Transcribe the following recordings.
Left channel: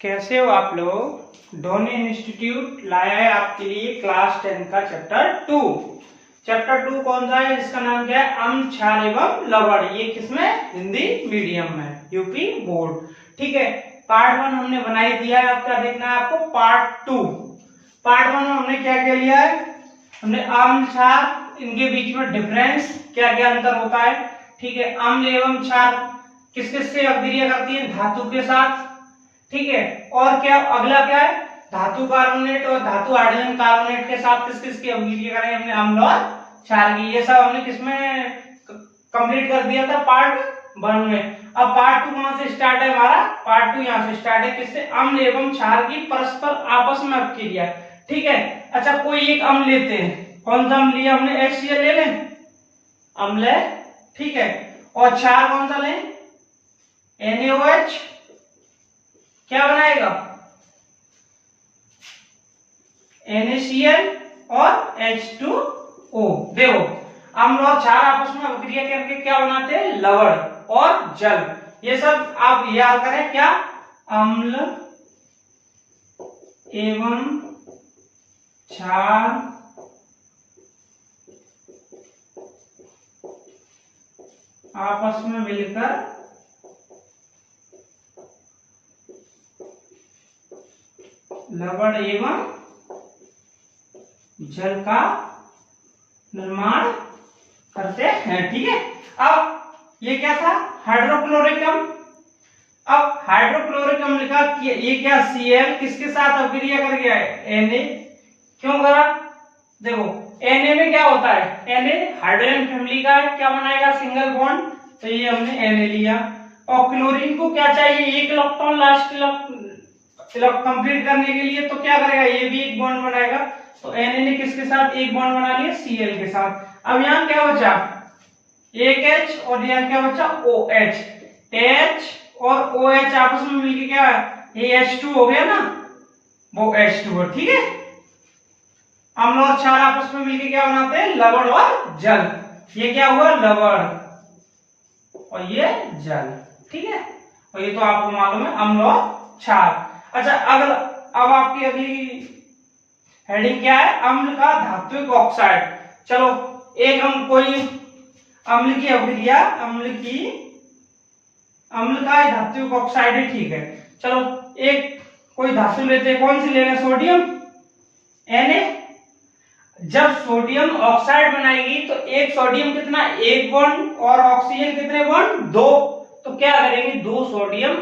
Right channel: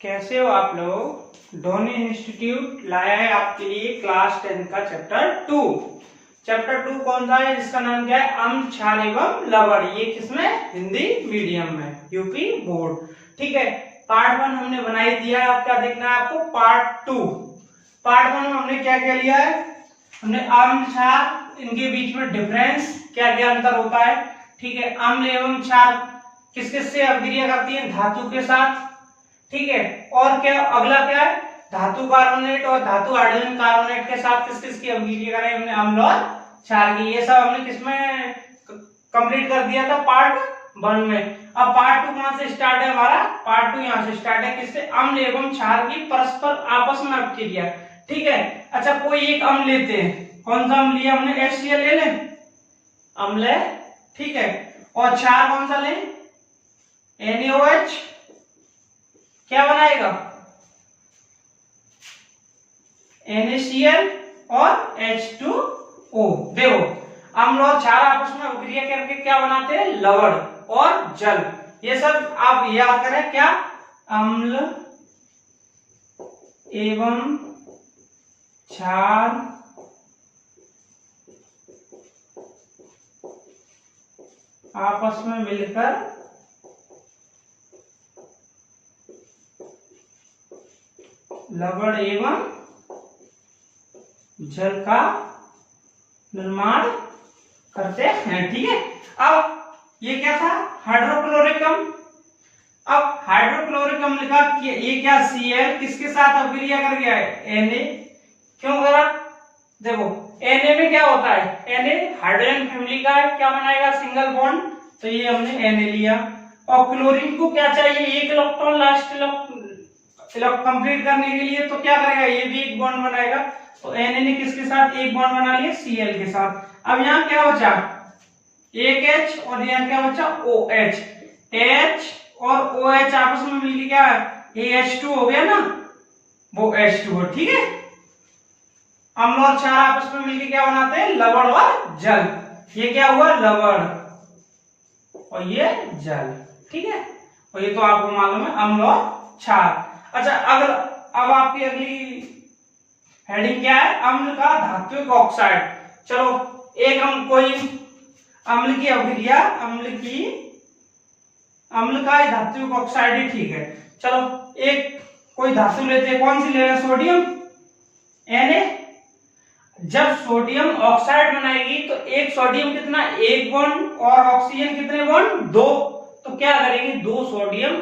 कैसे हो आप लोग। धोनी इंस्टीट्यूट लाया है आपके लिए क्लास 10 का चैप्टर 2। चैप्टर 2 कौन सा है? इसका नाम क्या है? अम्ल, क्षार एवं लवण। ये किसमें? हिंदी मीडियम में, यूपी बोर्ड। ठीक है। पार्ट 1 हमने बना ही दिया है। अब क्या देखना है आपको? पार्ट 2। पार्ट 1 में हमने क्या क्या लिया है? हमने अम्ल, क्षार, इनके बीच में डिफरेंस, क्या क्या अंतर होता है। ठीक है। अम्ल एवं क्षार किस किस से अभिक्रिया करती है? धातु के साथ। ठीक है। और क्या अगला क्या है? धातु कार्बोनेट और धातु हाइड्रोजन कार्बोनेट के साथ किस किस की अभिक्रिया करें? हमने अम्ल और क्षार की। ये सब हमने किसमें कंप्लीट कर दिया था? पार्ट 1 में। अब पार्ट 2 कहां से स्टार्ट है हमारा? पार्ट 2 यहां से स्टार्ट है। किससे? अम्ल एवं क्षार की परस्पर आपस में अभिक्रिया। ठीक है। अच्छा, कोई एक अम्ल लेते हैं। कौन सा अम्ल लिया हमने? HCl ले लें, अम्ल है। ठीक है। और क्षार कौन सा लें? NaOH। क्या बनाएगा? NaCl और H2O। देखो, अम्ल और क्षार आपस में अभिक्रिया करके क्या बनाते हैं? लवण और जल। ये सब आप याद करें। क्या? अम्ल एवं क्षार आपस में मिलकर लवण एवं जल का निर्माण करते हैं। ठीक है। अब ये क्या था? हाइड्रोक्लोरिक अम्ल। अब हाइड्रोक्लोरिक अम्ल का ये क्या? Cl किसके साथ अभिक्रिया कर गया है? Na। क्यों करा? देखो, Na में क्या होता है? Na हाइड्रोजन फैमिली का है। क्या बनाएगा? Single bond. तो ये हमने Na लिया। और क्लोरीन को क्या चाहिए? एक इलेक्ट्रॉन लास्ट कंप्लीट करने के लिए। तो क्या करेगा? ये भी एक बॉन्ड बनाएगा। तो Na ने किसके साथ एक बॉन्ड बना लिया? Cl के साथ। अब यहाँ क्या बचा? एक H और यहाँ क्या बचा? OH। H और OH आपस में मिलके क्या है? ये H2 हो गया ना, वो H2O। ठीक है। अम्ल और क्षार आपस में मिलके क्या बनाते हैं? लवण और जल। ये क्या हुआ? लवण और ये जल। ठीक है। और ये तो आपको मालूम है, अम्ल और क्षार। अच्छा, अगर अब आपकी अगली हेडिंग क्या है? अम्ल का धात्विक ऑक्साइड। चलो, एक हम कोई अम्ल की अभिक्रिया, अम्ल का धात्विक ऑक्साइड है। ठीक है। चलो, एक कोई धातु लेते हैं। कौन सी लेना? Sodium, Na। जब सोडियम ऑक्साइड बनाएगी तो एक सोडियम कितना? एक बॉन्ड। और ऑक्सीजन कितने बॉन्ड? 2। तो क्या करेंगे? 2 सोडियम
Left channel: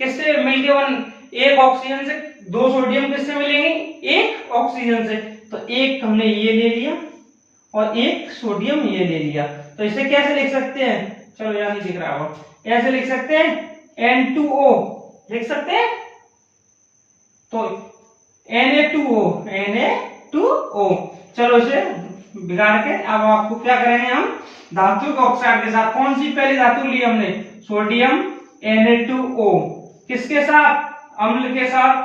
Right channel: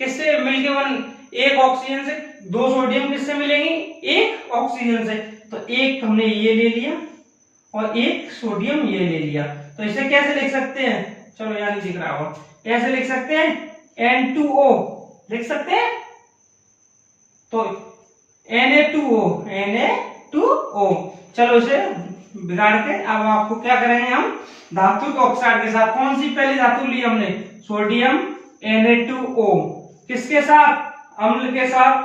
किससे मिलके बन? एक ऑक्सीजन से 2 सोडियम किससे मिलेंगे? एक ऑक्सीजन से। तो एक हमने ये ले लिया और एक सोडियम ये ले लिया। तो इसे कैसे लिख सकते हैं? चलो, यहां नहीं दिख रहा होगा। ऐसे लिख सकते हैं, N2O लिख सकते हैं। तो Na2O। चलो, इसे बिगाड़ के अब आपको क्या करेंगे हम? धातु के ऑक्साइड के साथ। कौन सी पहली धातु ली हमने? Sodium, Na2O। किसके साथ? अम्ल के साथ।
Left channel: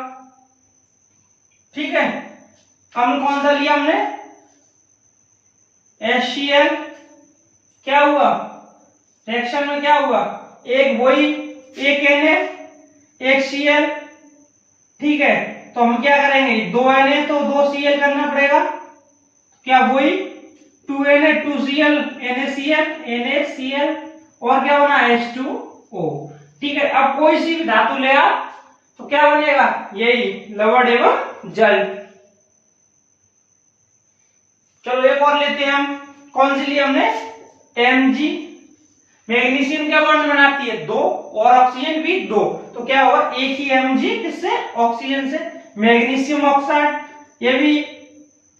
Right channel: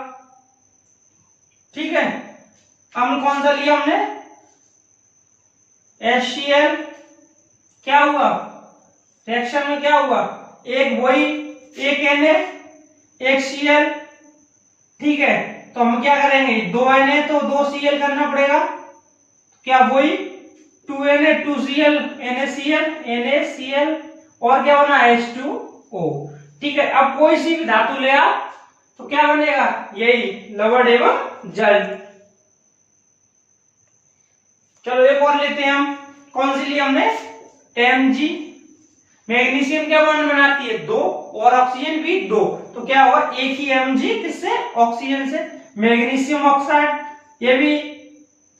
ठीक है। अम्ल कौन सा लिया हमने? HCl। क्या हुआ? रिएक्शन में क्या हुआ? एक वही, एक Na, एक Cl। ठीक है। तो हम क्या करेंगे? 2 Na तो 2 Cl करना पड़ेगा। क्या वही 2 Na 2 Cl, NaCl और क्या बना? H2O। ठीक है। अब कोई सी भी धातु ले आप तो क्या बनेगा? यही लवण एवं जल। चलो, एक और लेते हैं हम। कौन सी ली हमने? Mg। मैग्नीशियम क्या बॉन्ड बनाती है? 2। और ऑक्सीजन भी 2। तो क्या होगा? एक ही Mg किससे? ऑक्सीजन से। मैग्नीशियम ऑक्साइड, ये भी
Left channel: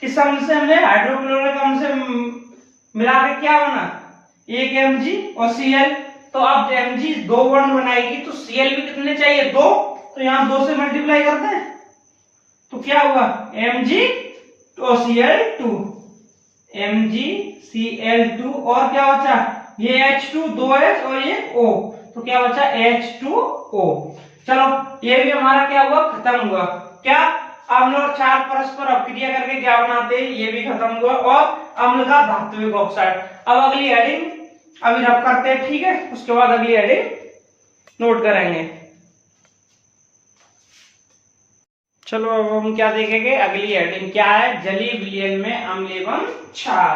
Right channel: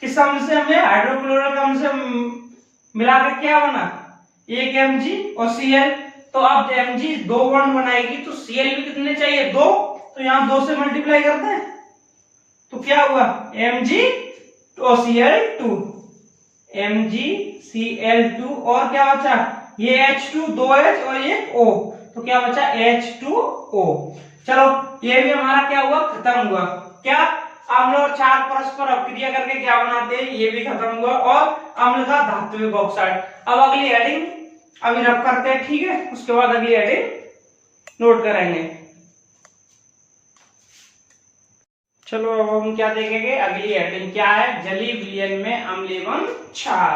किस अम्ल से? हमने हाइड्रोक्लोरिक अम्ल से मिलाकर क्या बना? एक Mg और Cl। तो अब Mg 2 बॉन्ड बनाएगी तो Cl भी कितने चाहिए? 2। तो यहां 2 से मल्टीप्लाई करते हैं तो क्या हुआ? Mg और Cl2, MgCl2। और क्या बचा? ये H2, 2H और ये O। तो क्या बचा? H2O। चलो, ये भी हमारा क्या हुआ? खत्म हुआ। क्या? अम्ल और क्षार परस्पर अभिक्रिया करके क्या बनाते हैं? ये भी खत्म हुआ। और अम्ल का धात्विक ऑक्साइड। अब अगली हेडिंग अभी रब करते हैं। ठीक है। उसके बाद अगली हेडिंग नोट करेंगे। चलो अब हम क्या देखेंगे, अगली हेडिंग क्या है, जलीय विलयन में अम्ल एवं क्षार।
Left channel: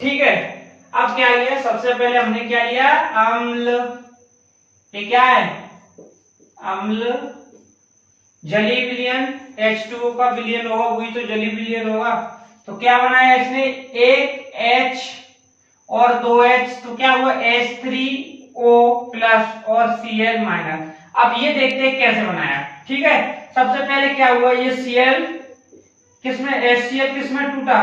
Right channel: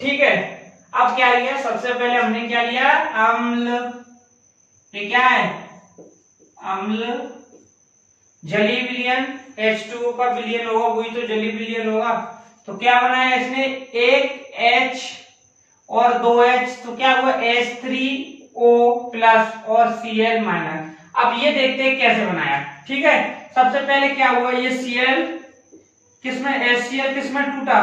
ठीक है, अब क्या लिया, सबसे पहले हमने क्या लिया, अम्ल, ये क्या है, अम्ल, जलीय विलयन, H2O का विलयन होगा वही तो जलीय विलयन होगा। तो क्या बनाया इसने, एक H और 2H, तो क्या हुआ H3O प्लस और Cl माइनस। अब ये देखते हैं कैसे बनाया। ठीक है, सबसे पहले क्या हुआ, ये Cl किसमें, HCl किसमें टूटा,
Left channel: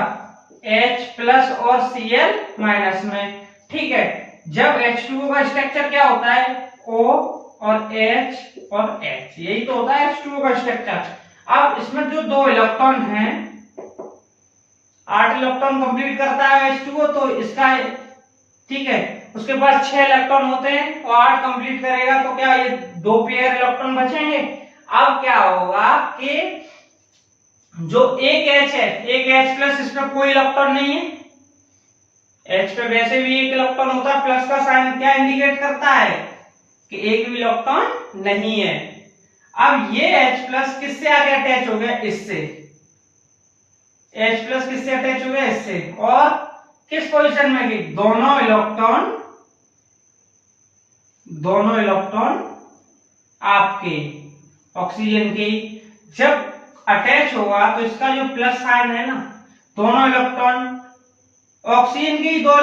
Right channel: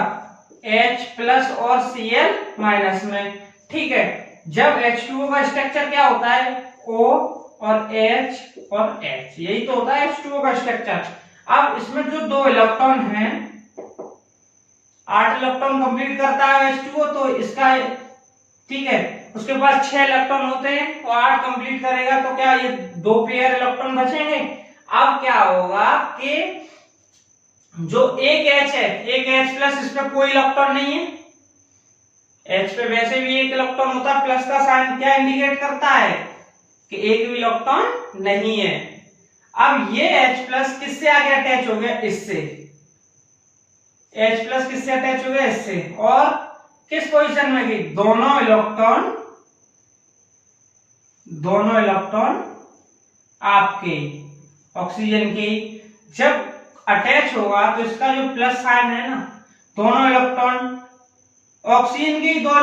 H प्लस और Cl माइनस में। ठीक है, जब H2O का स्ट्रक्चर क्या होता है, O और H और H, यही तो होता है H2O का स्ट्रक्चर। अब इसमें जो 2 इलेक्ट्रॉन हैं, 8 इलेक्ट्रॉन कंप्लीट करता है H2O, तो इसका, ठीक है, उसके पास 6 इलेक्ट्रॉन होते हैं, तो 8 कंप्लीट करेगा, तो क्या ये 2 पेयर इलेक्ट्रॉन बचेंगे। अब क्या होगा कि जो एक H है, एक H प्लस, इसमें कोई इलेक्ट्रॉन नहीं है, H पे वैसे भी एक इलेक्ट्रॉन होता है, प्लस का साइन क्या इंडिकेट करता है कि एक भी इलेक्ट्रॉन नहीं है। अब ये H प्लस किससे आगे अटैच हो गया, इससे, H प्लस किससे अटैच हो गया, इससे, और किस पोजीशन में गई, दोनों इलेक्ट्रॉन आपके ऑक्सीजन के, जब अटैच होगा तो इसका जो प्लस साइन है ना, दोनों इलेक्ट्रॉन ऑक्सीजन के ही, 2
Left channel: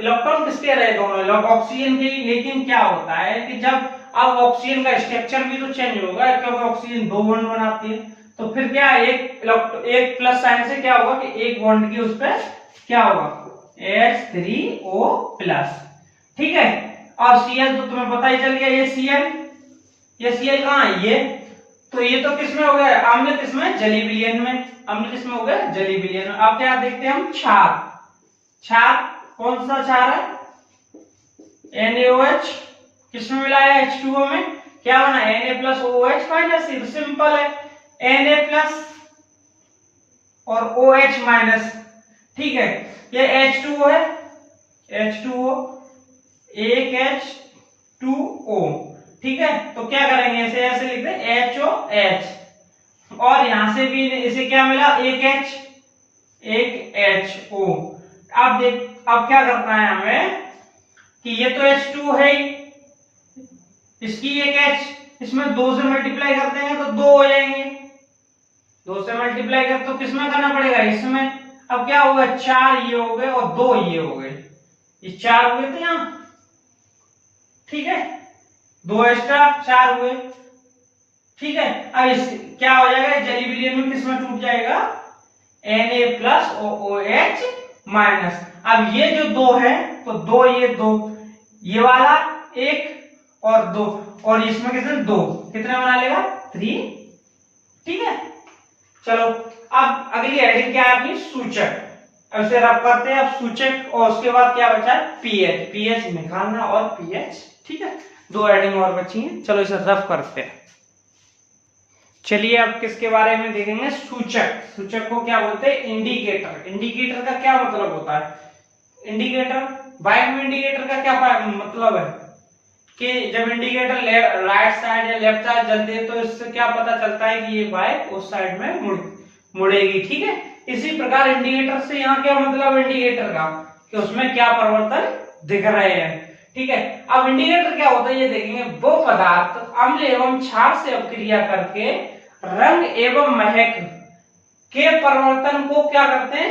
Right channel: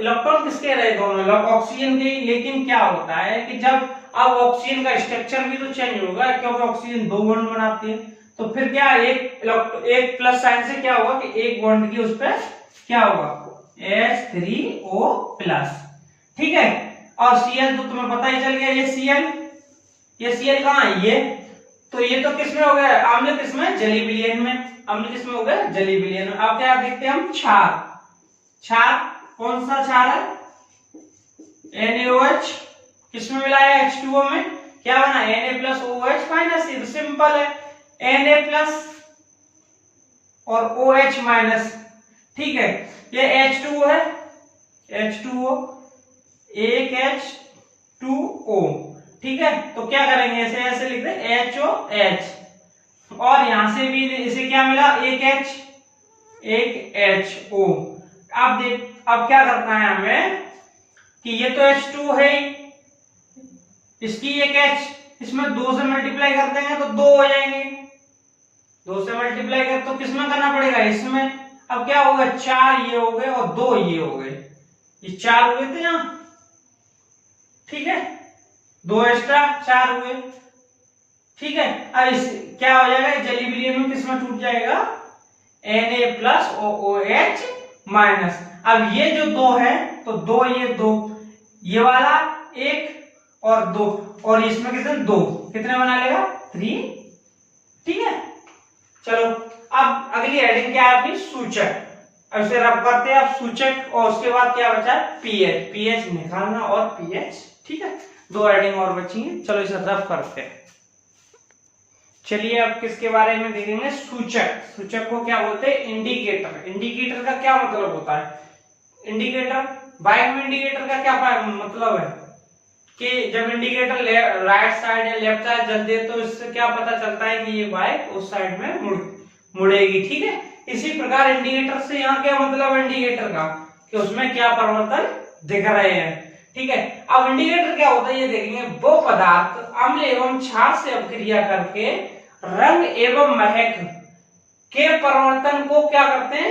इलेक्ट्रॉन किसके रहे, दोनों ऑक्सीजन के ही। लेकिन क्या होता है कि जब अब ऑक्सीजन का स्ट्रक्चर भी तो चेंज होगा, क्योंकि ऑक्सीजन 2 बॉन्ड बनाती है, तो फिर क्या एक प्लस साइन से क्या होगा कि एक बॉन्ड की उस पर क्या होगा, H3O प्लस। ठीक है, और Cl तो तुम्हें पता ही चल गया, ये Cl कहाँ है, ये तो, ये तो किसमें हो गया, अम्ल किसमें, जलीय विलयन में, अम्ल किसमें हो गया, जलीय विलयन में। अब क्या देखते हैं हम, क्षार, कौन सा क्षार है, NaOH, किसमें मिलाया, H2O में, क्या बना, Na प्लस OH माइनस, ये तो सिंपल है, Na प्लस और OH माइनस। ठीक है, ये H2O है, H2O, एक H2O। ठीक है, तो क्या करेंगे, ऐसे ऐसे लिख दे HOH, और यहां से भी इसे क्या मिला, एक H, एक HO। अब देख, अब क्या करना है हमें कि ये तो H2 है ही, इसकी एक H, इसमें 2 से मल्टीप्लाई कर देंगे तो 2 हो जाएंगे, 2 से मल्टीप्लाई कर तो किसमें करना पड़ेगा, इसमें। अब क्या होगा, 4 ये हो गए और 2 ये हो गए, ये 4 हो गए थे यहां। ठीक है, 2 एक्स्ट्रा 4 हुए। ठीक है, अब इस क्या हो जाएगा, जलीय विलयन में किसमें टूट जाएगा, Na प्लस और OH माइनस। अब ये जो 2 है, तो 2 ये 2, ये वाला 1 और 2, और इसमें कितने, 2, कितने बना लेगा, 3। ठीक है, चलो अब अगली हेडिंग क्या है अपनी, सूचक। अब इसे रब करते हैं, अब सूचक, और उसके बाद क्या बचा है, पीएच निकालना और पीएच। ठीक है, 2 हेडिंग और बची हैं, चलो इसे रब करते हैं। चलिए अब किसके बारे में देखेंगे, सूचक को क्या बोलते हैं, इंडिकेटर का क्या मतलब होता है, इंडिकेटर, बाइक में इंडिकेटर का क्या मतलब है कि जब इंडिकेटर राइट साइड या लेफ्ट साइड जलते तो इससे क्या पता चलता है कि ये बाइक उस साइड में मुड़ेगी। ठीक है, इसी प्रकार इंडिकेटर से यहाँ क्या मतलब, इंडिकेटर का कि उसमें क्या परिवर्तन दिख रहे हैं। ठीक है, अब इंडिकेटर क्या होता है ये देखेंगे, वो पदार्थ अम्ल एवं क्षार से अभिक्रिया करके रंग एवं महक के परिवर्तन को क्या करते हैं,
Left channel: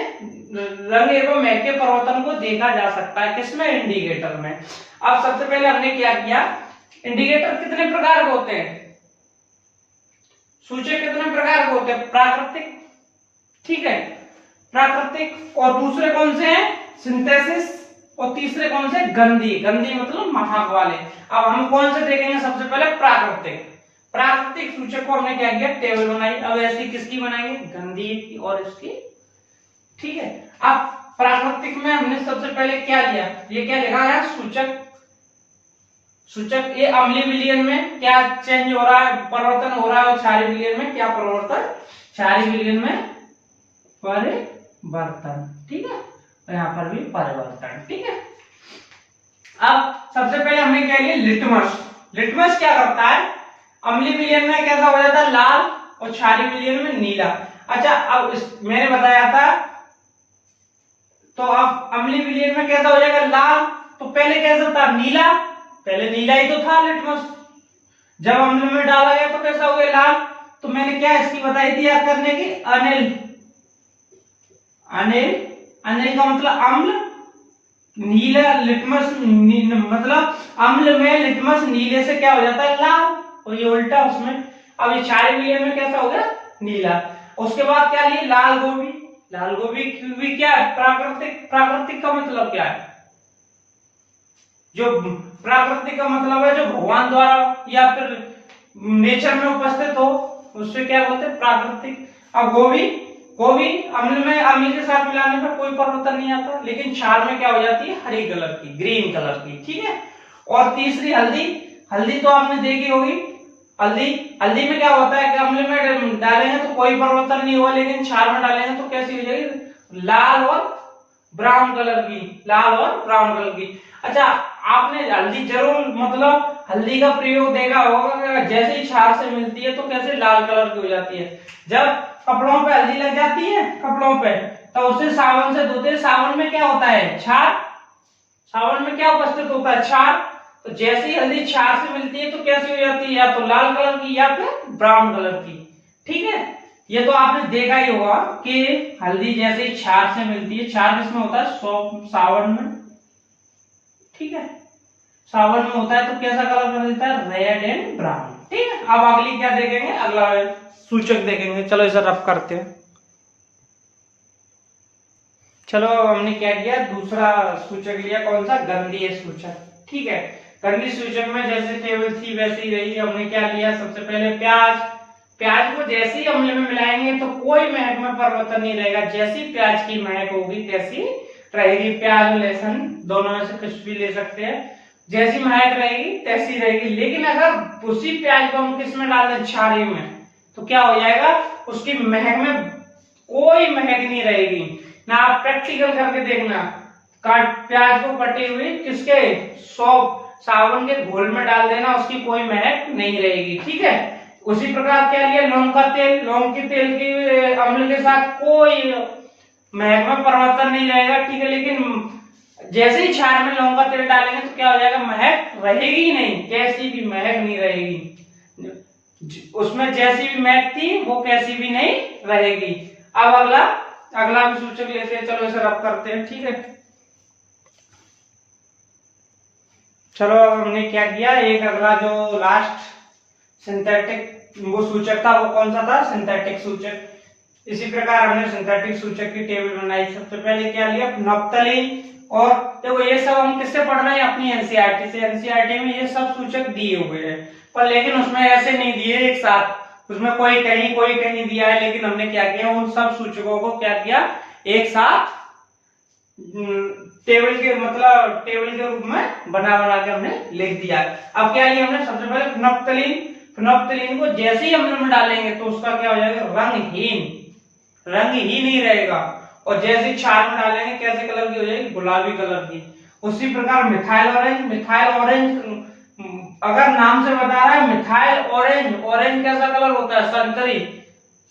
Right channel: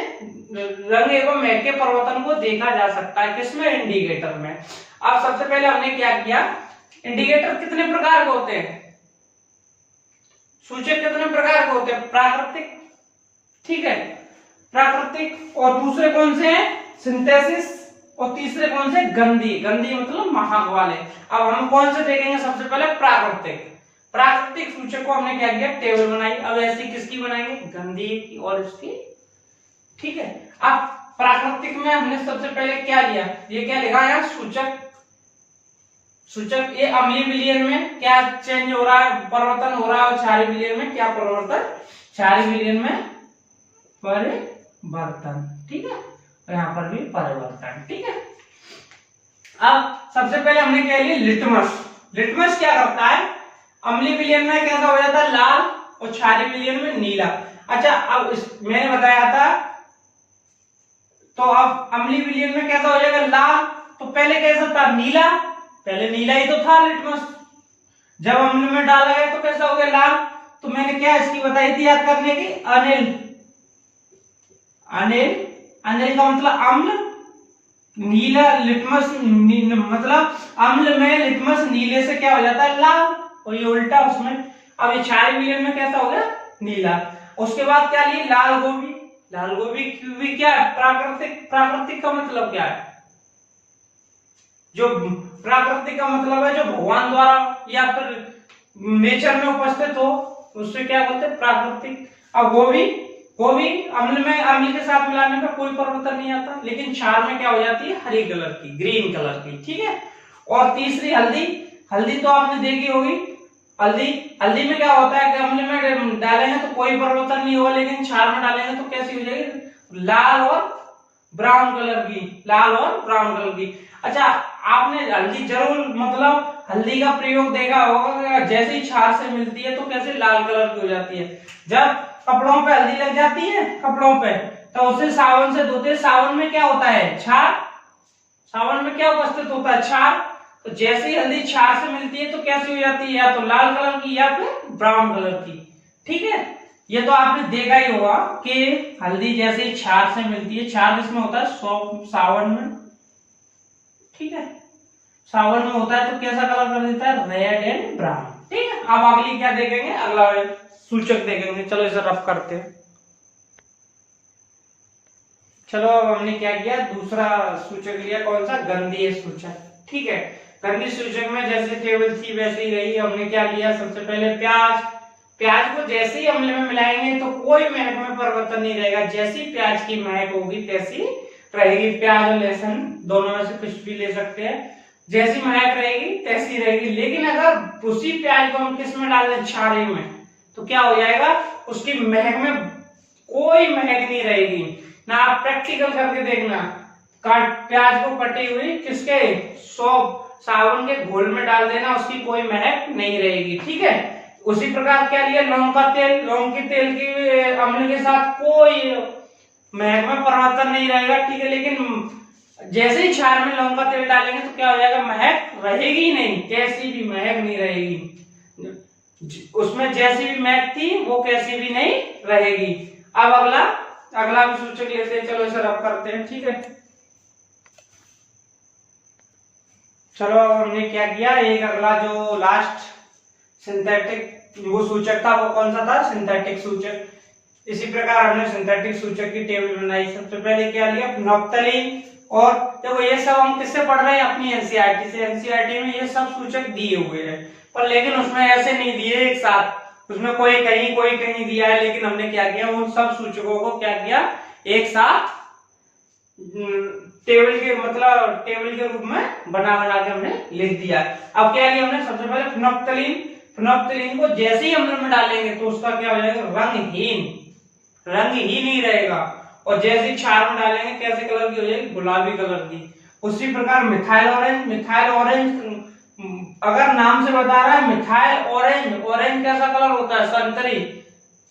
रंग एवं महक के परिवर्तन को देखा जा सकता है, किसमें, इंडिकेटर में। अब सबसे पहले हमने क्या किया, इंडिकेटर कितने प्रकार के होते हैं, सूचक कितने प्रकार के होते हैं, प्राकृतिक, ठीक है, प्राकृतिक, और दूसरे कौन से हैं, सिंथेसिस, और तीसरे कौन से, गंधी मतलब महक वाले। अब हम कौन से देखेंगे, सबसे पहले प्राकृतिक सूचक को हमने क्या किया, टेबल बनाई। अब ऐसी किसकी बनाएंगे, गंधी की और इसकी। ठीक है, अब प्राकृतिक में हमने सबसे पहले क्या लिया, ये क्या लिखा है, सूचक ये अम्लीय विलयन में क्या चेंज हो रहा है, परिवर्तन हो रहा है, और क्षारीय विलयन में क्या परिवर्तन, क्षारीय विलयन में परिवर्तन। ठीक है, और यहाँ पर भी परिवर्तन। ठीक है, अब सबसे पहले हमने क्या लिया, लिटमस क्या करता है, अम्लीय विलयन में कैसा हो जाता है, लाल, और क्षारीय विलयन में नीला। अच्छा, अब मैंने बताया था, तो अब अम्लीय विलयन में कैसा हो जाएगा, लाल। तो पहले कैसा था, नीला, पहले नीला ही तो था लिटमस, जब अम्ल में डाला गया तो कैसा हो गया, लाल। तो मैंने क्या इसकी बताई थी याद करने की, अनिल। अनिल, अनिल का मतलब अम्ल, नीला लिटमस मतलब अम्ल में लिटमस नीले से क्या हो जाता है, लाल, और ये उल्टा उसमें। अब ये क्षारीय विलयन में कैसा हो गया, नीला। उसके बाद क्या लिए, लाल गोभी। लाल गोभी भी क्या है, प्राकृतिक। प्राकृतिक का मतलब क्या है, जो प्राकृतिक का मतलब है जो भगवान द्वारा या फिर नेचर में उपस्थित हो, उससे क्या बोलते हैं, प्राकृतिक। अब गोभी, गोभी अम्ल में, अम्ल के साथ मिलाने में कोई परिवर्तन नहीं आता, लेकिन क्षार में क्या हो जाती है, हरी कलर की, ग्रीन कलर की, ठीक है। और तीसरी हल्दी। हल्दी तो आपने देखी होगी, हल्दी, हल्दी में क्या होता है कि अम्ल में डालेंगे तो कोई परिवर्तन नहीं होगा, लेकिन क्षार में डालेंगे तो कैसी हो जाएगी, लाल और ब्राउन कलर की, लाल और ब्राउन कलर की। अच्छा, आपने हल्दी जरूर मतलब हल्दी का प्रयोग देखा होगा, जैसे ही क्षार से मिलती है तो कैसे लाल कलर की हो जाती है। जब कपड़ों पे हल्दी लग जाती है, कपड़ों पे, तो उसे साबुन से धोते, साबुन में क्या होता है, क्षार। साबुन में क्या उपस्थित होता है, क्षार। तो जैसे ही हल्दी क्षार से मिलती है तो कैसी हो जाती है, या तो लाल कलर की या फिर ब्राउन कलर की, ठीक है। ये तो आपने देखा ही होगा कि हल्दी जैसे ही क्षार से मिलती है, क्षार किसमें होता है, सावन में, ठीक है, सावन में होता है, तो कैसा कलर कर देता है, रेड एंड ब्राउन, ठीक है। अब अगली क्या देखेंगे, अगला सूचक देखेंगे। चलो इसे रफ करते हैं। चलो अब हमने क्या किया, दूसरा सूचक लिया, कौन सा, गंधीय सूचक, ठीक है। गंधीय सूचक में जैसे टेबल थी वैसे ही रही। हमने क्या लिया, सबसे पहले प्याज। प्याज को जैसे ही अम्ल में मिलाएंगे तो कोई महक में परिवर्तन नहीं रहेगा, जैसी प्याज की महक होगी तैसी रहेगी। प्याज और लहसुन दोनों में से कुछ भी ले सकते हैं, जैसी महक रहेगी तैसी रहेगी। लेकिन अगर उसी प्याज को हम किस में डाल दें, क्षारीय में, तो क्या हो जाएगा, उसकी महक में कोई महक नहीं रहेगी ना। आप प्रैक्टिकल करके देखना, प्याज को कटे हुए किसके, साबुन के घोल में डाल देना, उसकी कोई महक नहीं रहेगी, ठीक है। उसी प्रकार क्या लिया, लौंग का तेल। लौंग के तेल की अम्ल के साथ कोई महक में परिवर्तन नहीं रहेगा, ठीक है। लेकिन जैसे ही क्षार में लौंग का तेल डालेंगे तो क्या हो जाएगा, महक रहेगी ही नहीं, कैसी भी महक नहीं रहेगी, उसमें जैसी भी महक थी वो कैसी भी नहीं रहेगी। अब अगला भी सूचक लेते हैं, चलो इसे रब करते हैं, ठीक है। चलो हमने क्या किया, एक अगला जो लास्ट सिंथेटिक वो सूचक था, वो कौन सा था, सिंथेटिक सूचक। इसी प्रकार हमने सिंथेटिक सूचक की टेबल बनाई। सबसे पहले क्या लिया, नफ्तालीन। और देखो ये सब हम किससे पढ़ रहे हैं, अपनी एनसीईआरटी से। एनसीईआरटी में ये सब सूचक दिए हुए हैं, पर लेकिन उसमें ऐसे नहीं दिए एक साथ, उसमें कोई कहीं दिया है। लेकिन हमने क्या किया, उन सब सूचकों को क्या किया, एक साथ टेबल के रूप में बना के हमने लिख दिया। अब क्या लिया हमने, सबसे पहले फिनोप्थलीन। फिनोप्थलीन को जैसे ही अम्ल में डालेंगे तो उसका क्या हो जाएगा, रंग ही नहीं रहेगा। और जैसे ही क्षार में डालेंगे कैसे कलर की हो जाएगी, गुलाबी कलर की। उसी प्रकार मिथाइल ऑरेंज। मिथाइल ऑरेंज अगर नाम से बता रहा है, मिथाइल ऑरेंज, ऑरेंज कैसा कलर होता है, संतरी।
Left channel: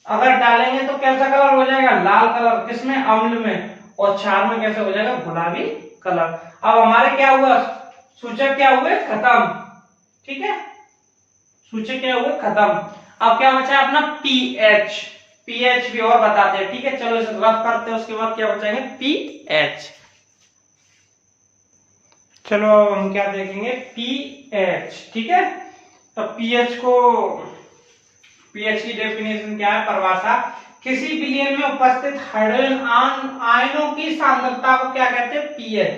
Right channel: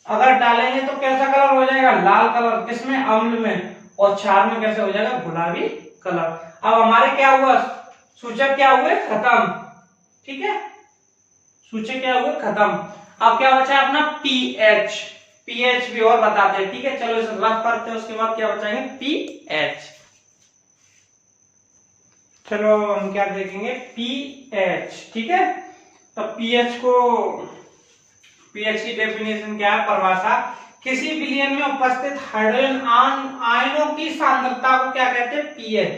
अगर डालेंगे तो कैसा कलर हो जाएगा, लाल कलर, किसमें, अम्ल में। और क्षार में कैसे हो जाएगा, गुलाबी कलर। अब हमारे क्या हुआ, सूचक क्या हुए, खत्म, ठीक है, सूचक क्या हुए, खत्म। अब क्या बचा अपना पीएच। पीएच भी और बताते हैं, ठीक है। चलो इसे रफ करते हैं, उसके बाद क्या बचाएंगे, पीएच। चलो हम क्या देखेंगे, पीएच, ठीक है। तो पीएच की डेफिनेशन क्या है, परिभाषा, किसी विलयन में उपस्थित हाइड्रोजन आयनों की सांद्रता को क्या कहते हैं, पीएच,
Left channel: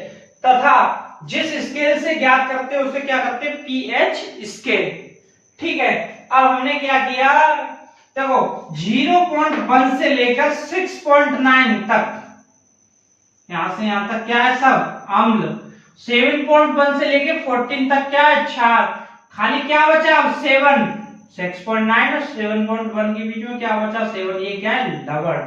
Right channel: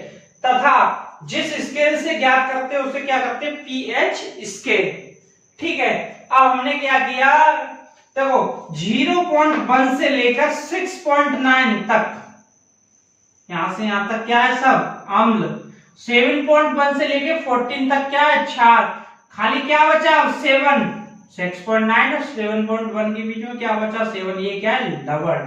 तथा जिस स्केल से ज्ञात करते हैं उसे क्या करते हैं, पीएच स्केल, ठीक है। अब हमने क्या किया, देखो 0.1 से लेकर 6.9 तक, यहां से यहां तक क्या है, सब अम्ल। 7.1 से लेकर 14 तक क्या है, क्षार। खाली क्या बचा, 7, 6.9 और 7.1 के बीच में क्या बचा, 7। ये क्या है, लवण,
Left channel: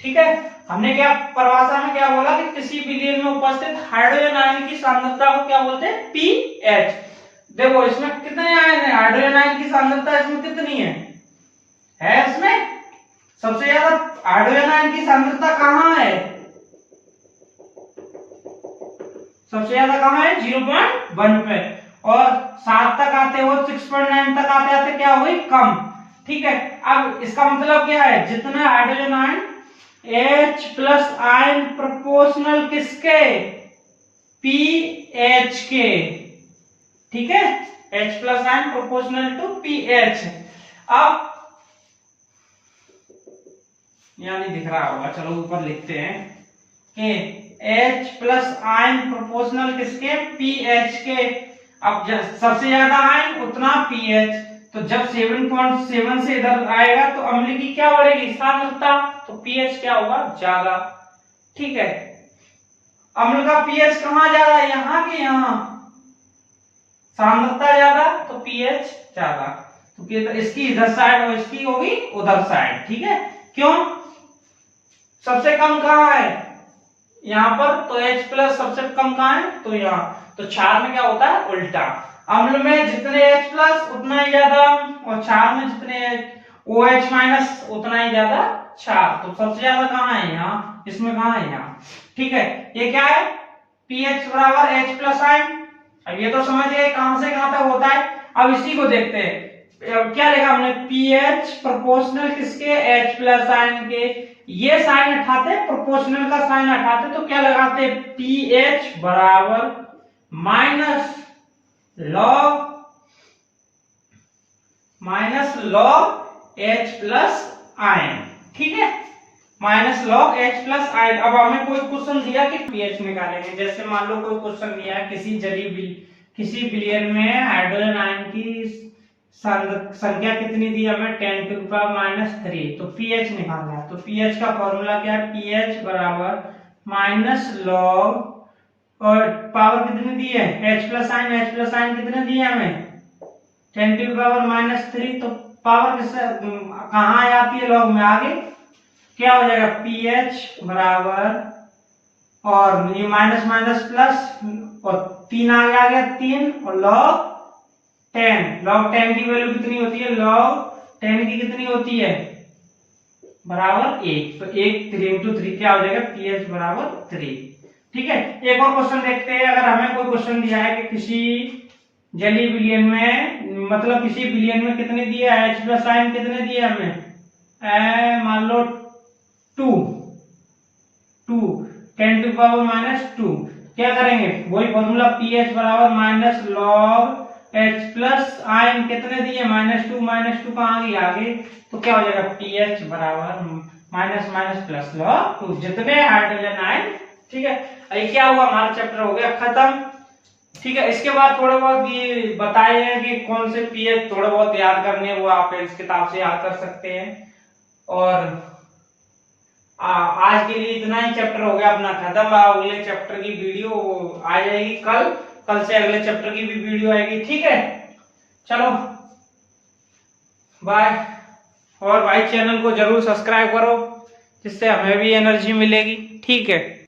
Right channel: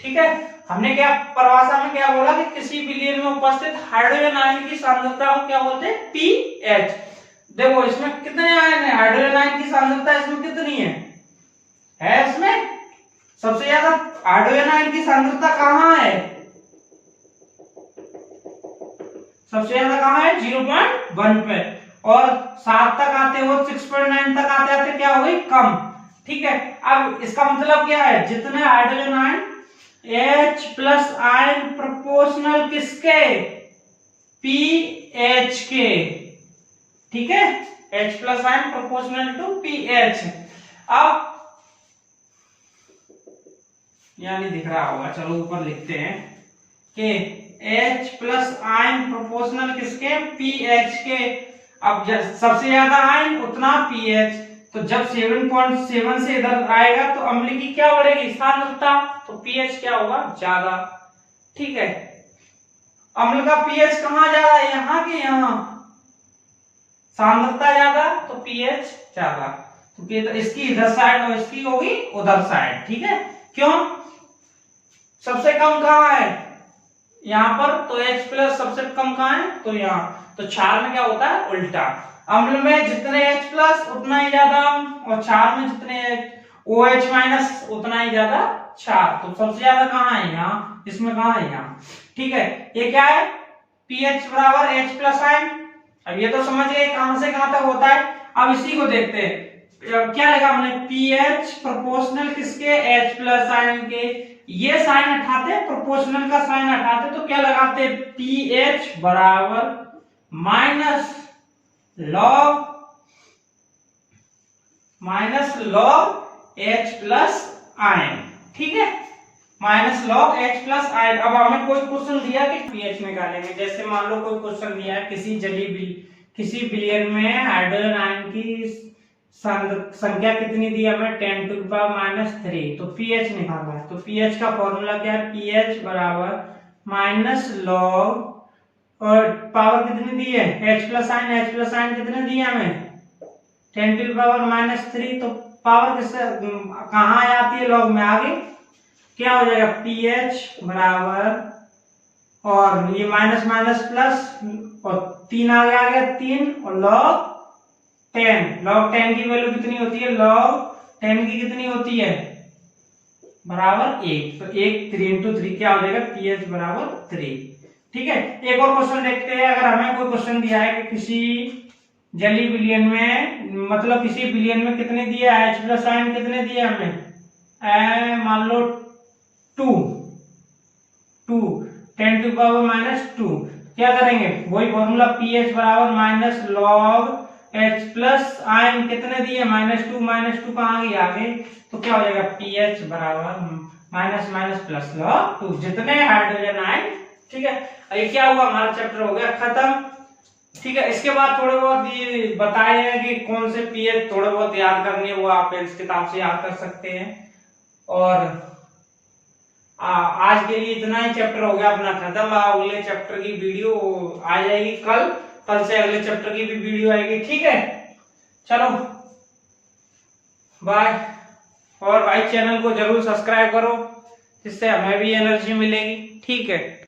ठीक है। हमने क्या परिभाषा में क्या बोला कि किसी विलयन में उपस्थित हाइड्रोजन आयन की सांद्रता को क्या बोलते हैं, पीएच। देखो इसमें कितने आयन है, हाइड्रोजन आयन की सांद्रता इसमें कितनी है इसमें सबसे ज्यादा हाइड्रोजन आयन की सांद्रता कहाँ है? सबसे ज्यादा कहाँ है? 0.1 पे, और 7 तक आते हो 6.9 तक आते आते क्या हुई? कम। ठीक है, अब इसका मतलब क्या है? जितने hydrogen ion H plus ion proportional किसके? पीएच के। ठीक है, H plus ion proportional to pH. अब यहां नहीं दिख रहा होगा, चलो ऊपर लिखते हैं कि H प्लस आयन प्रोपोर्शनल किसके? पीएच के। अब सबसे ज्यादा आयन उतना पीएच, तो जब 7.7 से इधर आएगा तो अम्ल की क्या बढ़ेगी? सांद्रता, तो पीएच क्या होगा? ज्यादा। ठीक है, अम्ल का पीएच कहाँ ज्यादा है? यहाँ के यहाँ। सांद्रता ज्यादा तो पीएच ज्यादा, तो इसकी इधर साइड और इसकी होगी उधर साइड। ठीक है, क्यों? सबसे कम कहाँ है? यहाँ पर। तो H प्लस सबसे कम कहाँ है? तो यहाँ। तो क्षार में क्या होता है? उल्टा। अम्ल में जितने H प्लस उतना ही ज्यादा अम्ल, और क्षार में जितने OH माइनस उतना ही ज्यादा क्षार। तो सबसे ज्यादा कहाँ है? यहाँ। इसमें कहाँ है? यहाँ। ठीक है, ये क्या है? pH बराबर H प्लस आयन। अब ये तो समझ गए कहां से कहां तक होता है। अब इसी को देखते हैं, क्या लिखा हमने? pH प्रोपोर्शनल किसके? H प्लस आयन के। ये साइन हटाते, प्रोपोर्शनल का साइन हटाते, तो क्या लगाते? pH बराबर minus log H plus ion. ठीक है, minus log H plus ion. अब हमें कोई क्वेश्चन दिया कि pH निकालेंगे, जैसे मान लो कोई क्वेश्चन दिया है किसी बिलियन में हाइड्रोजन आयन की संख्या कितनी दी हमें? 10 टू द पावर -3, तो pH निकालना है। तो pH का फॉर्मूला क्या है? pH बराबर माइनस लॉग, और पावर कितनी दी है? H प्लस आयन कितने दिए हमें? 10 टू द पावर -3, तो पावर किससे कहाँ आती है? लॉग में। आगे क्या हो जाएगा? pH बराबर, और ये माइनस माइनस प्लस, और 3 आगे आ गया 3, और लॉग 10 की वैल्यू कितनी होती है? लॉग 10 की कितनी होती है? बराबर 1। तो 1 3 इंटू 3 क्या हो जाएगा? pH बराबर 3। ठीक है, एक और क्वेश्चन देखते हैं। अगर हमें कोई क्वेश्चन दिया है कि किसी जली बिलियन में, मतलब किसी बिलियन में कितने दिया है? H प्लस आयन कितने दिए हमें? मान लो 2 10 टू द पावर -2। क्या करेंगे? वही फॉर्मूला, pH बराबर minus log H plus ion कितने दिए? -2 कहाँ गई? आगे। तो क्या हो जाएगा? pH बराबर माइनस माइनस प्लस लॉग 2, जितने हाइड्रोजन आयन। ठीक है, ये क्या हुआ? हमारा चैप्टर हो गया खत्म। ठीक है, इसके बाद थोड़े बहुत ये बताए हैं कि कौन से pH थोड़े बहुत याद करने, वो आप इस किताब से याद कर सकते हैं। और आज के लिए इतना ही चैप्टर हो गया अपना खत्म। अगले चैप्टर की वीडियो आ जाएगी कल से अगले चैप्टर की भी वीडियो आएगी। ठीक है, चलो बाय। और भाई चैनल को जरूर सब्सक्राइब करो, जिससे हमें भी एनर्जी मिलेगी। ठीक है।